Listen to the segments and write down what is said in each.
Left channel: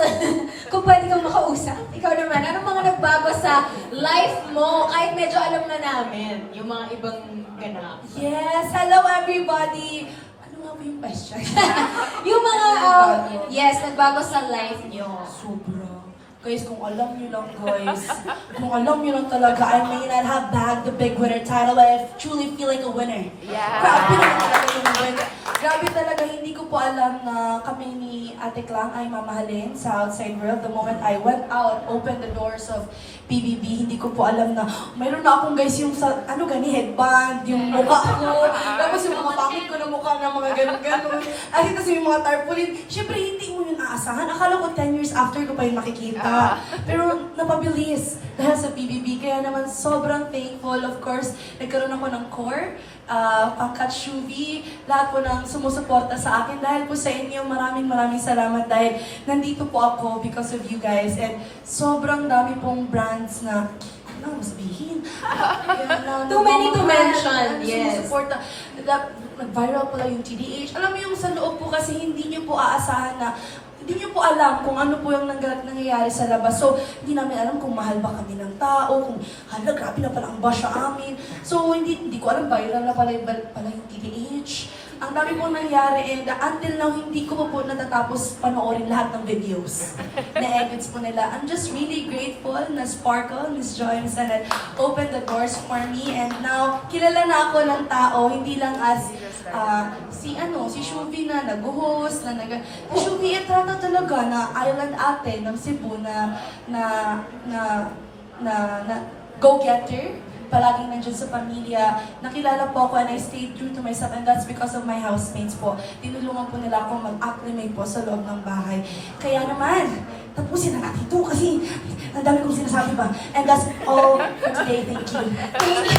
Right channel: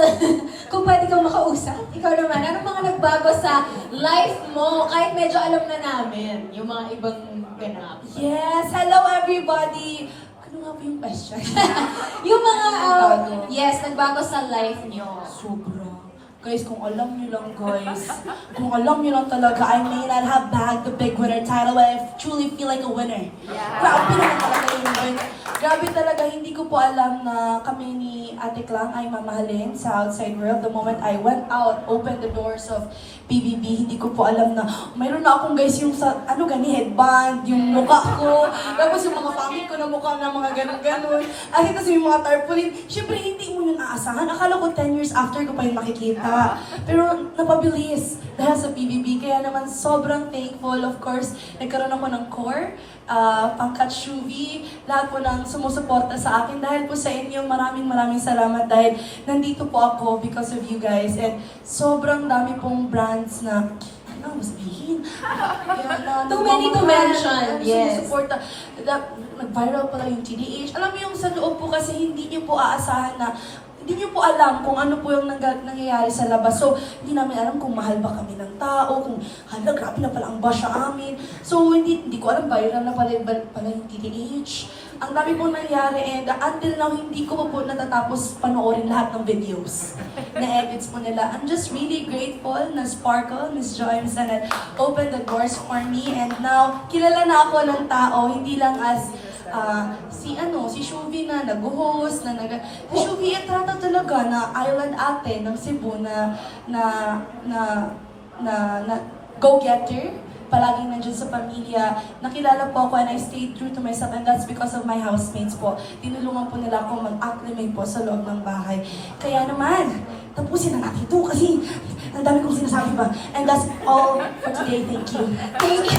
Kung pwede kang makausap, ikaw naman, anong mga nagbago sa life mo kahit medyo alam na namin yung mga ibang ganap? Yes, hello everybody! Ano nga ba yung question? yung mga, uh, yes, nagbago sa life nyo. Sobra. Guys, kung alam niyo lang guys, kung alam niyo lang talaga, I may not have bagged the big winner title, but I truly feel like a winner. Grabe naman talaga yung win. Grabe talaga, hindi ko po alam na kami ni Ate Klang ay mamahalin sa outside world. The moment I went out, opened the doors of PBB, hindi ko po alam na mayroon na akong guys yung sa, ano gani, headband, yung mukha ko, tapos yung mga pangit ko na mukha na mga ganun-ganun. At ito yung mga tarpaulin. Siyempre, hindi mo yun aasahan. Akala ko 10 years after ko pa yung makikita. Pero napabilis dahil sa PBB. Kaya naman sobrang thankful. Of course, nagkaroon ako ng core, uh, pangkat Shuvi, lahat po ng sumusuporta sa akin. Dahil po sa inyo, maraming maraming salamat dahil nandito po ako because of you guys. And sobrang dami pong brands na ano? Kaya na, Too many to mention, yes. Na- Nag-viral pala yung TDH. Alam mo yung sa loob po kasi hindi niyo po aasahan na hindi niyo po alam kung ano po yung nang- nangyayari sa labas. So, hindi namin alam kung mahal ba kami ng tao, kung hala, grabe na pala ang bash sa amin. So, hindi, hindi ko alam, viral na pala, yung- pala yung TDH. Ang dami pong nangyari and uh, until now, hindi ko po natatapos panoorin lahat ng videos na edits po nila. I'm just really grateful na Sparkle, Miss Joy, Miss Annette, opened the doors for me and now, kilala na ako ng tao, hindi lang as ah, si ano, si Shuvi na nag-host, na nag... Si Shuvi, etrata talaga na island ate ng Cebu na, na, na, na, na go-getter. Palaging nandiyan sa pamilya. Nakilala po ako and I stayed true to myself and that's because of my housemates po. Tinulungan po nila ako mag-acclimate po sa loob ng bahay. Kaya naman, tapusin na natin ito kasi ang dami kong sinasabi pa. And that's all for today. Thank you. Thank you.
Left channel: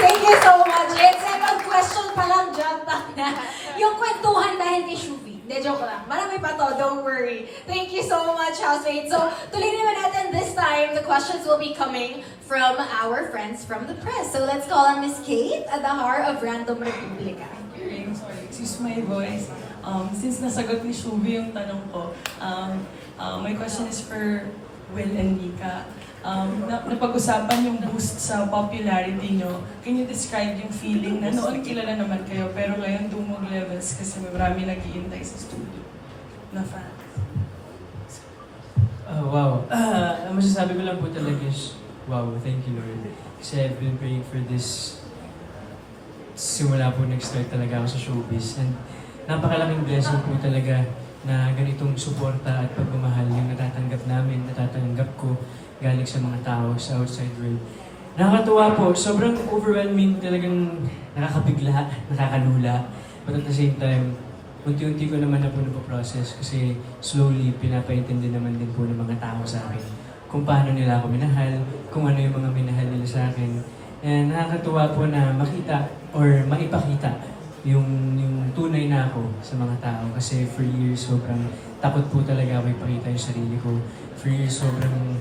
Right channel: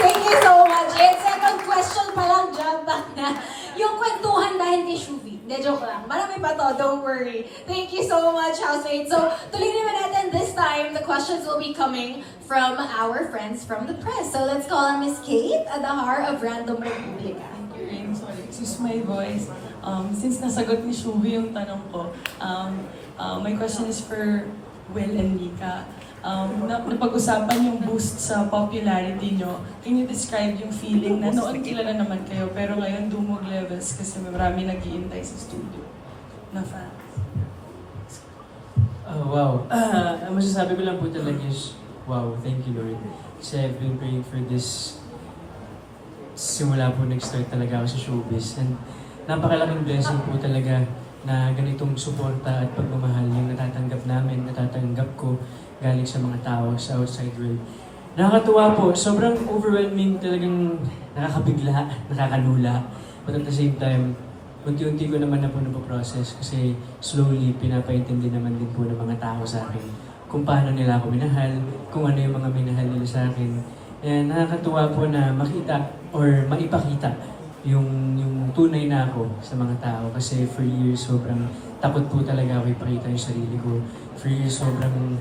Thank you so much. And second question pa lang, jump. Yung kwentuhan dahil kay Shuvi. Hindi, joke lang. Marami pa to, don't worry. Thank you so much, housemates. So, tuloy naman natin this time. The questions will be coming from our friends from the press. So, let's call on Miss Kate Adahar of Random Republica. Ring, sorry, excuse my voice. Um, since nasagot ni Shubi yung tanong ko, um, uh, my question is for Will and Nika. Um, na, napag-usapan yung boost sa popularity nyo. Can you describe yung feeling na noon kilala naman kayo, pero ngayon levels kasi marami nag sa studio na fans? Oh, wow. Ah, ang masasabi ko lang po talaga is, wow, thank you Lord. Kasi I've been praying for this simula po nag-start talaga ako sa showbiz. And napakalaking blessing po talaga na ganitong suporta at pagmamahal yung natatanggap namin, natatanggap ko galing sa mga tao sa outside world. Nakakatuwa po, sobrang overwhelming talagang nakakabigla, nakakalula. But at the same time, unti-unti ko naman na po napoprocess kasi slowly pinapaintindi naman din po ng mga tao sa akin kung paano nila ako minahal, kung ano yung mga minahal nila sa akin. And nakakatuwa po na makita or maipakita yung yung tunay na ako sa mga tao kasi for years sobrang takot po talaga ako ipakita yung sarili ko. For years sobrang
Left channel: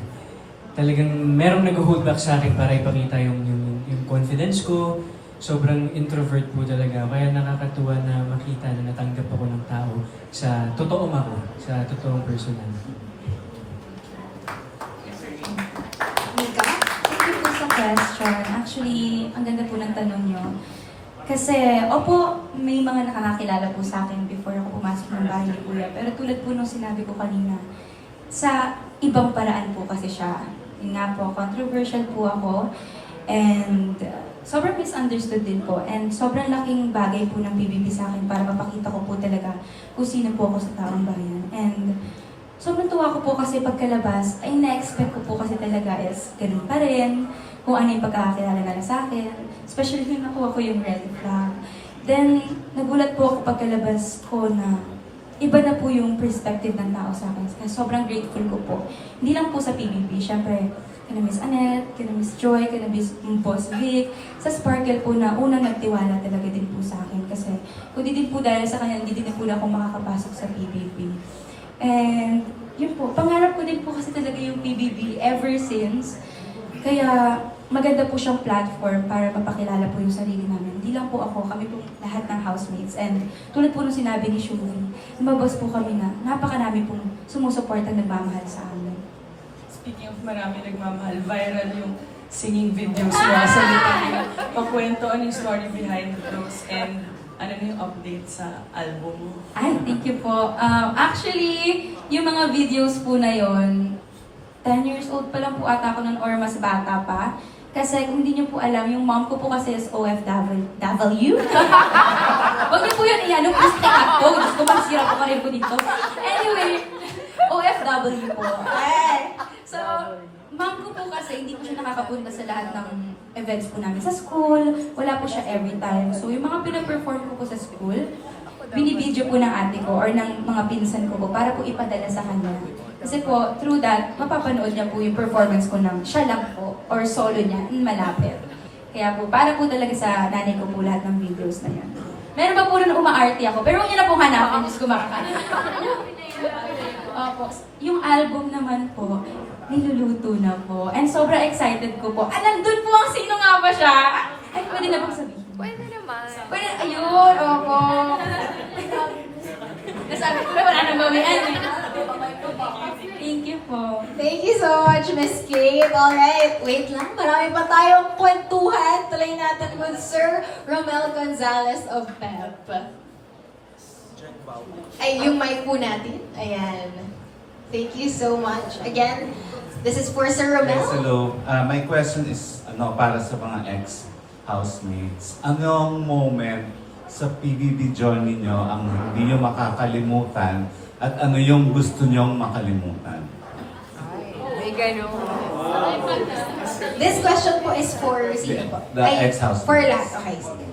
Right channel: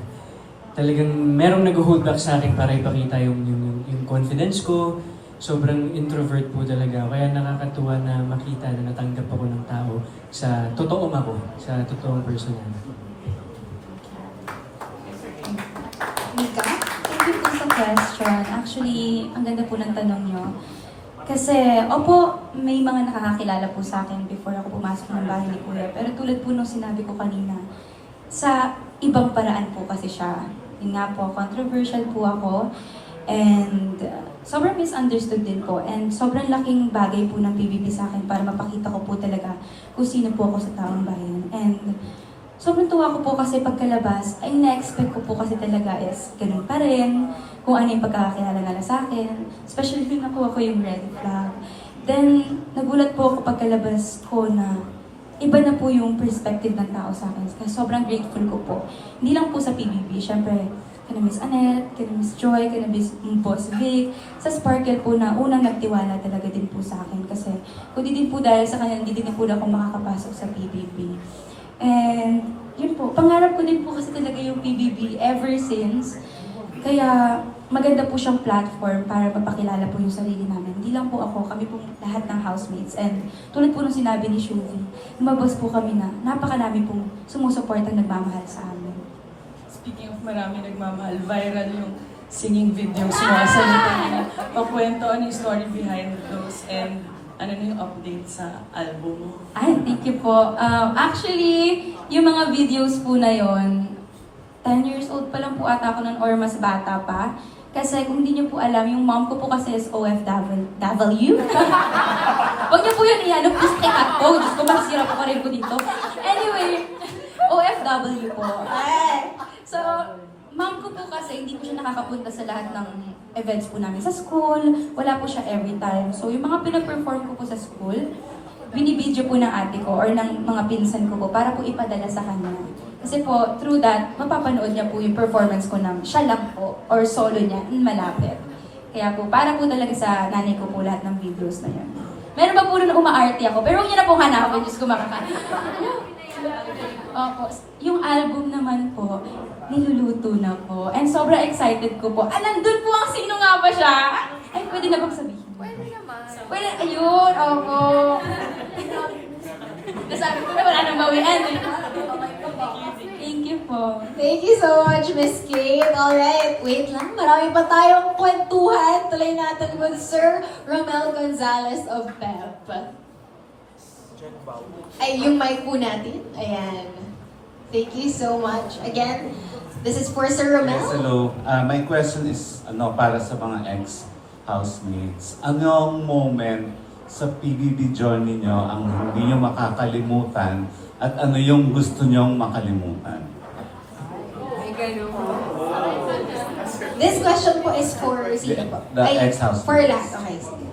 talagang merong nag-hold back sa akin para ipakita yung, yung, yung confidence ko. Sobrang introvert po talaga. Kaya nakakatuwa na makita na natanggap ako ng tao sa totoong ako, sa totoong person na. Mika, thank you sa question. Actually, ang ganda po ng tanong nyo. Kasi, opo, may mga nakakakilala po sa akin before ako pumasok ng bahay ni Kuya. Pero tulad po nung sinabi ko kanina, sa ibang paraan po kasi siya. Yun nga po, controversial po ako. And sobrang misunderstood din po. And sobrang laking bagay po ng PBB sa akin para mapakita ko po talaga kung sino po ako sa taong bayan. And Sobrang tuwa ko po kasi pagkalabas, ay na-expect ko po kasi talaga is ganun pa rin, kung ano yung pagkakakilala nila sa akin. Especially nung nakuha ko yung red flag. Then, nagulat po ako pagkalabas ko na iba na po yung perspective ng tao sa akin. Sobrang grateful ko po. Hindi lang po sa PBB, syempre, kina Miss Annette, kina Miss Joy, kina Miss Boss Vic, sa Sparkle po na unang nagtiwala talaga din po sa akin. Kasi kung di din po dahil sa kanya, hindi din po na ako makakapasok sa PBB. And yun po, pangarap ko din po kasi talaga yung PBB ever since. Kaya maganda po siyang platform para mapakilala po yung sarili namin. Hindi lang po ako, kami po lahat ng housemates. And tulad po nung sinabi ni Shuli, lumabas po kami na napakarami pong sumusuporta nagmamahal sa amin. Marami nagmamahal, viral yung singing videos mo sa Litania. Pakwento ano yung story behind those and ano na yung update sa album mo. Ay, thank you po. Um, actually, yung mga videos po na yon 10 years old pa lang po ata ako nun or mas bata pa. Kasi kung hindi niyo po alam, yung mom ko po kasi is OFW. Huwag niyo po yun i-ano, please take ko. Diyos ko, masira po ka rin ko dito. Anyway, OFW po. Eh. So, mom ko po kasi hindi po siya nakakapunta sa lahat ng events po namin sa school. Wala po siya every time. So, yung mga pinaperform ko po sa school, binibidyo po ng ate ko or ng mga pinsan ko po para po ipadala sa kanya. Kasi po, through that, mapapanood niya po yung performance ko ng siya lang po or solo niya, mm, malapit. Kaya po, para po talaga sa nanay ko po lahat ng videos na yun. Meron pa po rin umaarte ako, pero huwag niyo na po hanapin, Diyos ko makaka. Opo, yung album naman po, niluluto na po. And sobrang excited ko po. Ah, nandun po ang sino nga ba siya? Ay, pwede na bang sabihin? Pwede naman. Pwede, ayun, opo. Nasabi ko na wala nang bawian. Thank you po. Thank you so much, Miss Kate. Alright, wait lang. Marami pa tayong kwentuhan. Tuloy natin with Sir Romel Gonzalez of PEP. Ay, yung mic po natin. Ayan. Thank you so much. Again, this is for Sir Romel. Yes, hello. Uh, my question is ano para sa mga ex-housemates. Anong moment sa PBB journey nyo ang hindi nyo makakalimutan at ano yung gusto nyong makalimutan? May ganun. This question po is for sino po? The Ay, ex-housemates. For lahat. Okay, sige.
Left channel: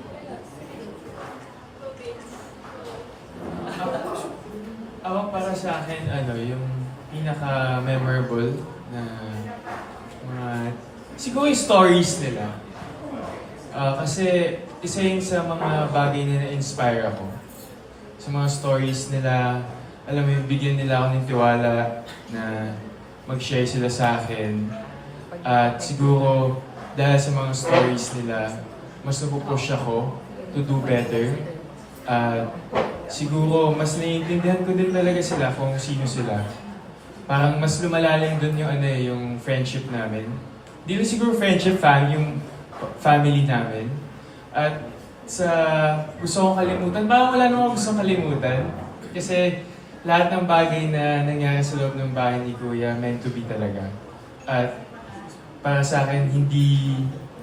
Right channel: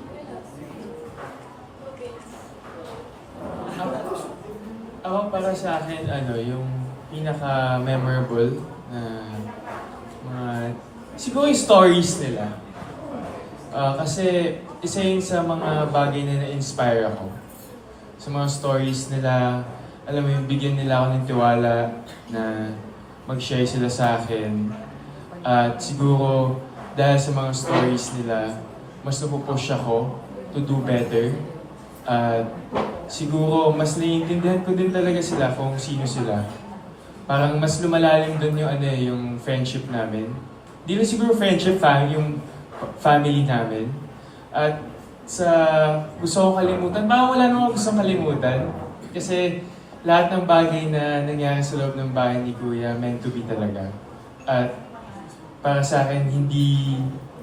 Ako para sa akin, ano, yung pinaka-memorable siguro yung stories nila. Ah, kasi isa yun sa mga bagay na na-inspire ako. Sa mga stories nila, alam mo yung bigyan nila ako ng tiwala na mag-share sila sa akin. At siguro, dahil sa mga stories nila, mas napupush ako to do better. At siguro mas naiintindihan ko din talaga sila kung sino sila. Parang mas lumalalim doon yung ano eh, yung friendship namin. Di na siguro friendship, fam, yung family namin. At sa gusto kong kalimutan, parang wala namang gusto kalimutan. Kasi lahat ng bagay na nangyari sa loob ng bahay ni Kuya meant to be talaga. At para sa akin, hindi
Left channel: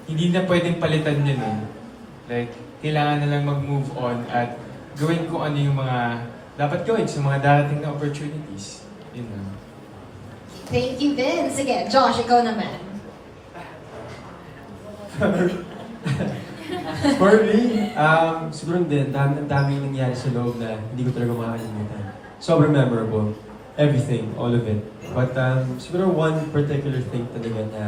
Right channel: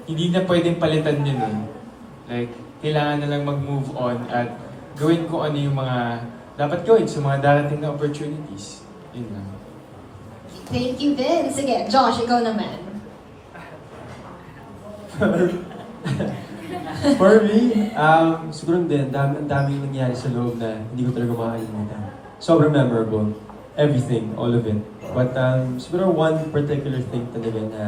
hindi na pwedeng palitan yun eh. Like, kailangan na lang mag-move on at gawin ko ano yung mga dapat gawin sa mga darating na opportunities. Yun na. Thank you, Vince. Sige, Josh, ikaw naman. For me, um, siguro din, ang daming nangyari sa loob na hindi ko talaga makakalimutan. Sobrang memorable. Everything, all of it. But um, siguro one particular thing talaga na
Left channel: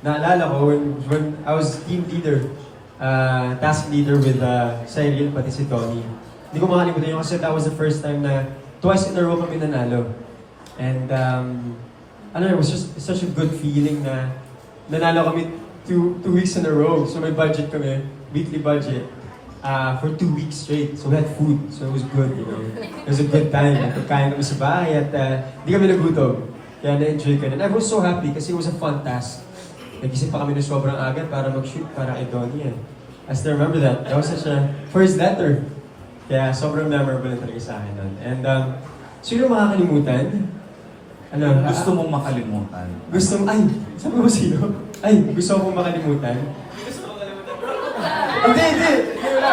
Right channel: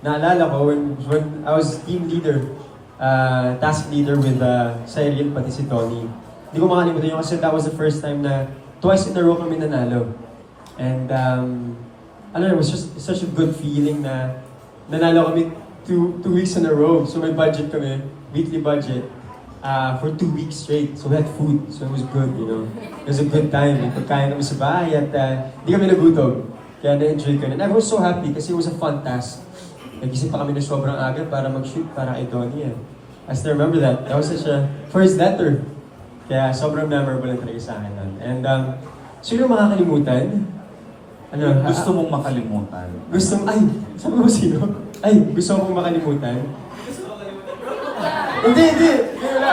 naalala ko when, when I was team leader, uh, task leader with uh, Cyril pati si Tony. Hindi ko makalimutan yun kasi that was the first time na twice in a row kami nanalo. And um, ano, it was just such a good feeling na nanalo kami two, two weeks in a row. So may budget kami, weekly budget, uh, for two weeks straight. So we had food, so it was good, you know. It was a good time. Pagkain kami sa bahay at uh, di kami nagutom. Kaya na-enjoy ko. And I was so happy kasi it was a fun task. Nag-isip pa kami na sobrang agad para mag-shoot para kay Donnie. Eh. I still remember that. That was such a first letter. Kaya sobrang memorable talaga sa akin nun. And um, sino makakalimutan? Ano? Gusto mong makalimutan? Gusto ay, sabi mo sino? Ay, gusto ko makalimutan. Hindi, hindi. Wala.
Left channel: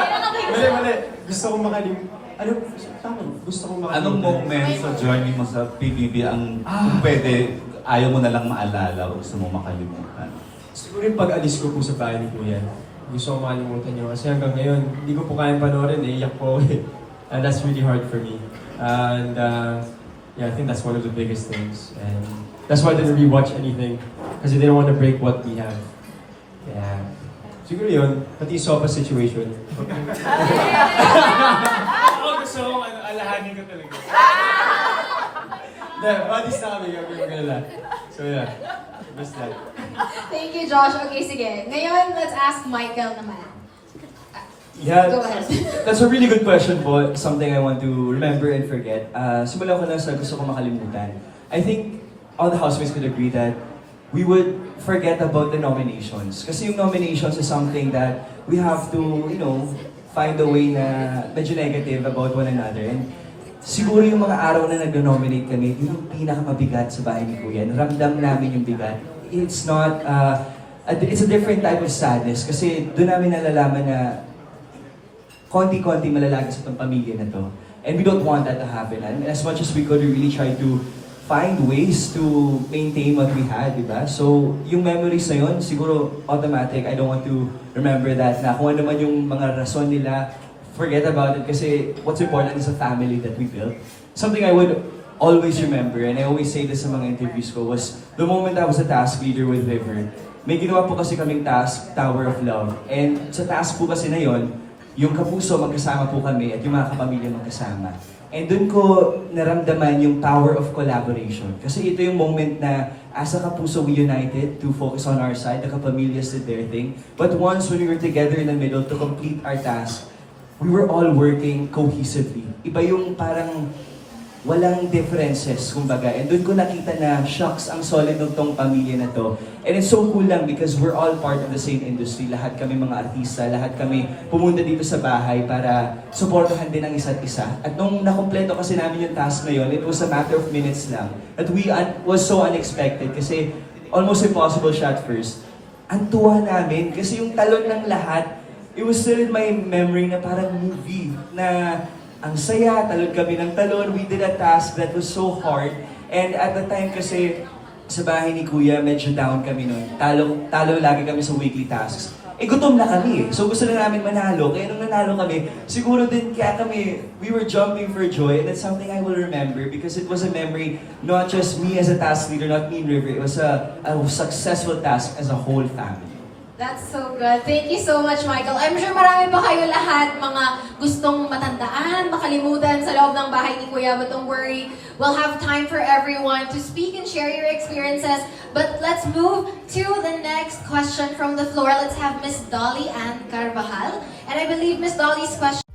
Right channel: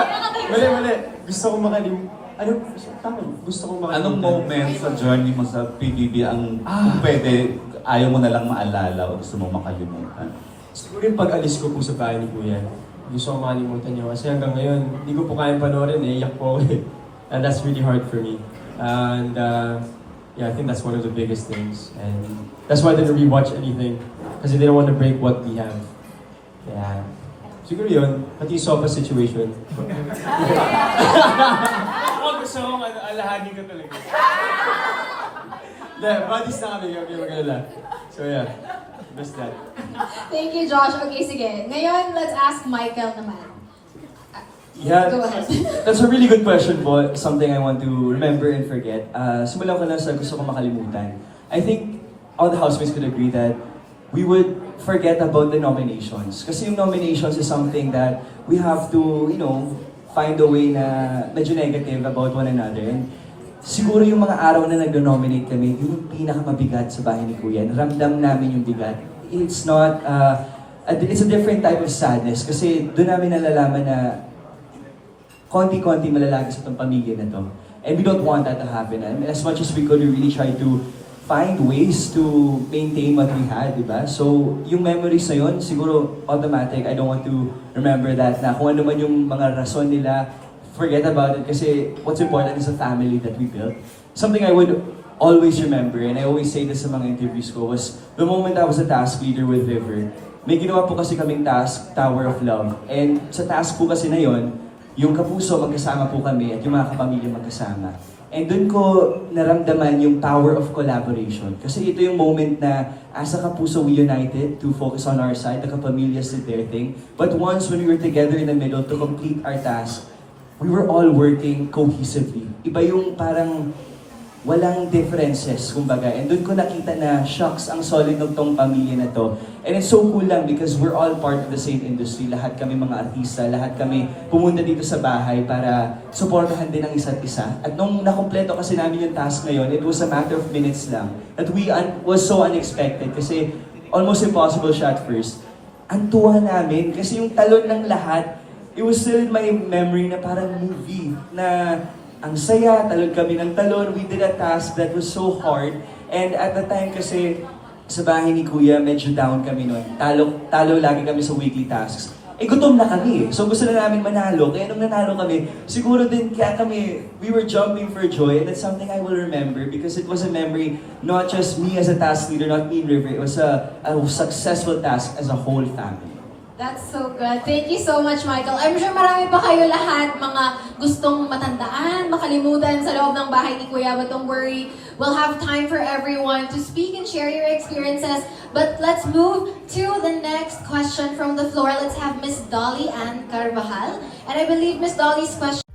Mali, mali. Gusto ko makalimutan. Ano? Tama. Gusto ko makalimutan. Anong moment sa journey mo sa PBB ang kung pwede ayaw mo na lang maalala o gusto mong makalimutan? Siguro yung pag-alis ko po sa bahay ni Kuya. Gusto ko makalimutan yun. Kasi hanggang ngayon, hindi ko po kayang panoorin eh. Iyak po ako eh. And that's really hard for me. And uh, yeah, I think that's one of the biggest things. And that's why I didn't rewatch anything. Kasi I didn't want to break what we have. Yeah. Siguro yun, pati yung sofa situation. Ako gusto kong alahanin ko talaga. Hindi, buddies na kami, gagawin ko lang. So yeah, miss that. Thank you, Josh. Okay, sige. Ngayon, let's ask Michael naman. Ah, Yeah, Go ahead. that's a really good question po. Something I want to remember and forget. Uh, simulan ko lang sa gusto ko makalimutan. I think all the housemates could agree that we would forget about the nominations. Kasi yung nominations is something that we have to, you know, find a way na medyo negative about one another. And siguro yung mga araw na nag-nominate kami, yun yung pinakamabigat sa bahay ni Kuya. Ramdam namin yung bigat. It's not, uh, a- it's a different type of sadness kasi doon namin nalalaman na konti-konti malalagay sa itong pamilya na to. And we don't want that to happen. And as much as we could, we really try to find ways to maintain what we had, di ba? So, yung memories na yun, siguro automatic. I don't want to remember that na kung ano man yung mga rason nila, forget about it kasi what's important is the family that we built. Something I would always remember, and I always say this sa mga interviews ko, was the moment I was a task leader with River, may ginawa po kasi kaming task, Tower of Love. And sa task po kasi na yon, yung kapuso magkasama po kami at yung mga kapamilya magkasama. And doon ko naramdaman yung power of collaboration. Kasi ito yung moment na as a kapuso we united to focus on our side, the kapamilyas did their thing. But once when we were together in the middle to complete our task, we were all working cohesively. Iba yung parang walang differences, kumbaga. And doon ko nakita na, shucks, ang solid ng tong pamilya na to. And it's so cool lang because we're all part of the same industry. Lahat kami mga artista, lahat kami pumunta dito sa bahay para supportahan din ang isa't isa. At nung nakompleto kasi namin yung task ngayon, it was a matter of minutes lang. At we un- was so unexpected kasi almost impossible siya at first. Ang tuwa namin kasi yung talon ng lahat, it was still my memory na parang movie na ang saya, talon kami ng talon. We did a task that was so hard. And at the time kasi, sa bahay ni Kuya, medyo down kami noon. Talo, talo lagi kami sa weekly tasks. Eh, gutom na kami eh. So gusto na namin manalo. Kaya nung nanalo kami, siguro din kaya kami, we were jumping for joy. And it's something I will remember because it was a memory, not just me as a task leader, not me and River. It was a, a successful task as a whole family. That's so good. Thank you so much, Michael. I'm sure marami pa kayo lahat mga gustong makalimutan sa loob ng bahay ni Kuya. But don't worry, we'll have time for everyone to speak and share your experiences. But let's move to the next question from the floor. Let's have Miss Dolly Ann Carvajal. And I believe Miss Dolly's question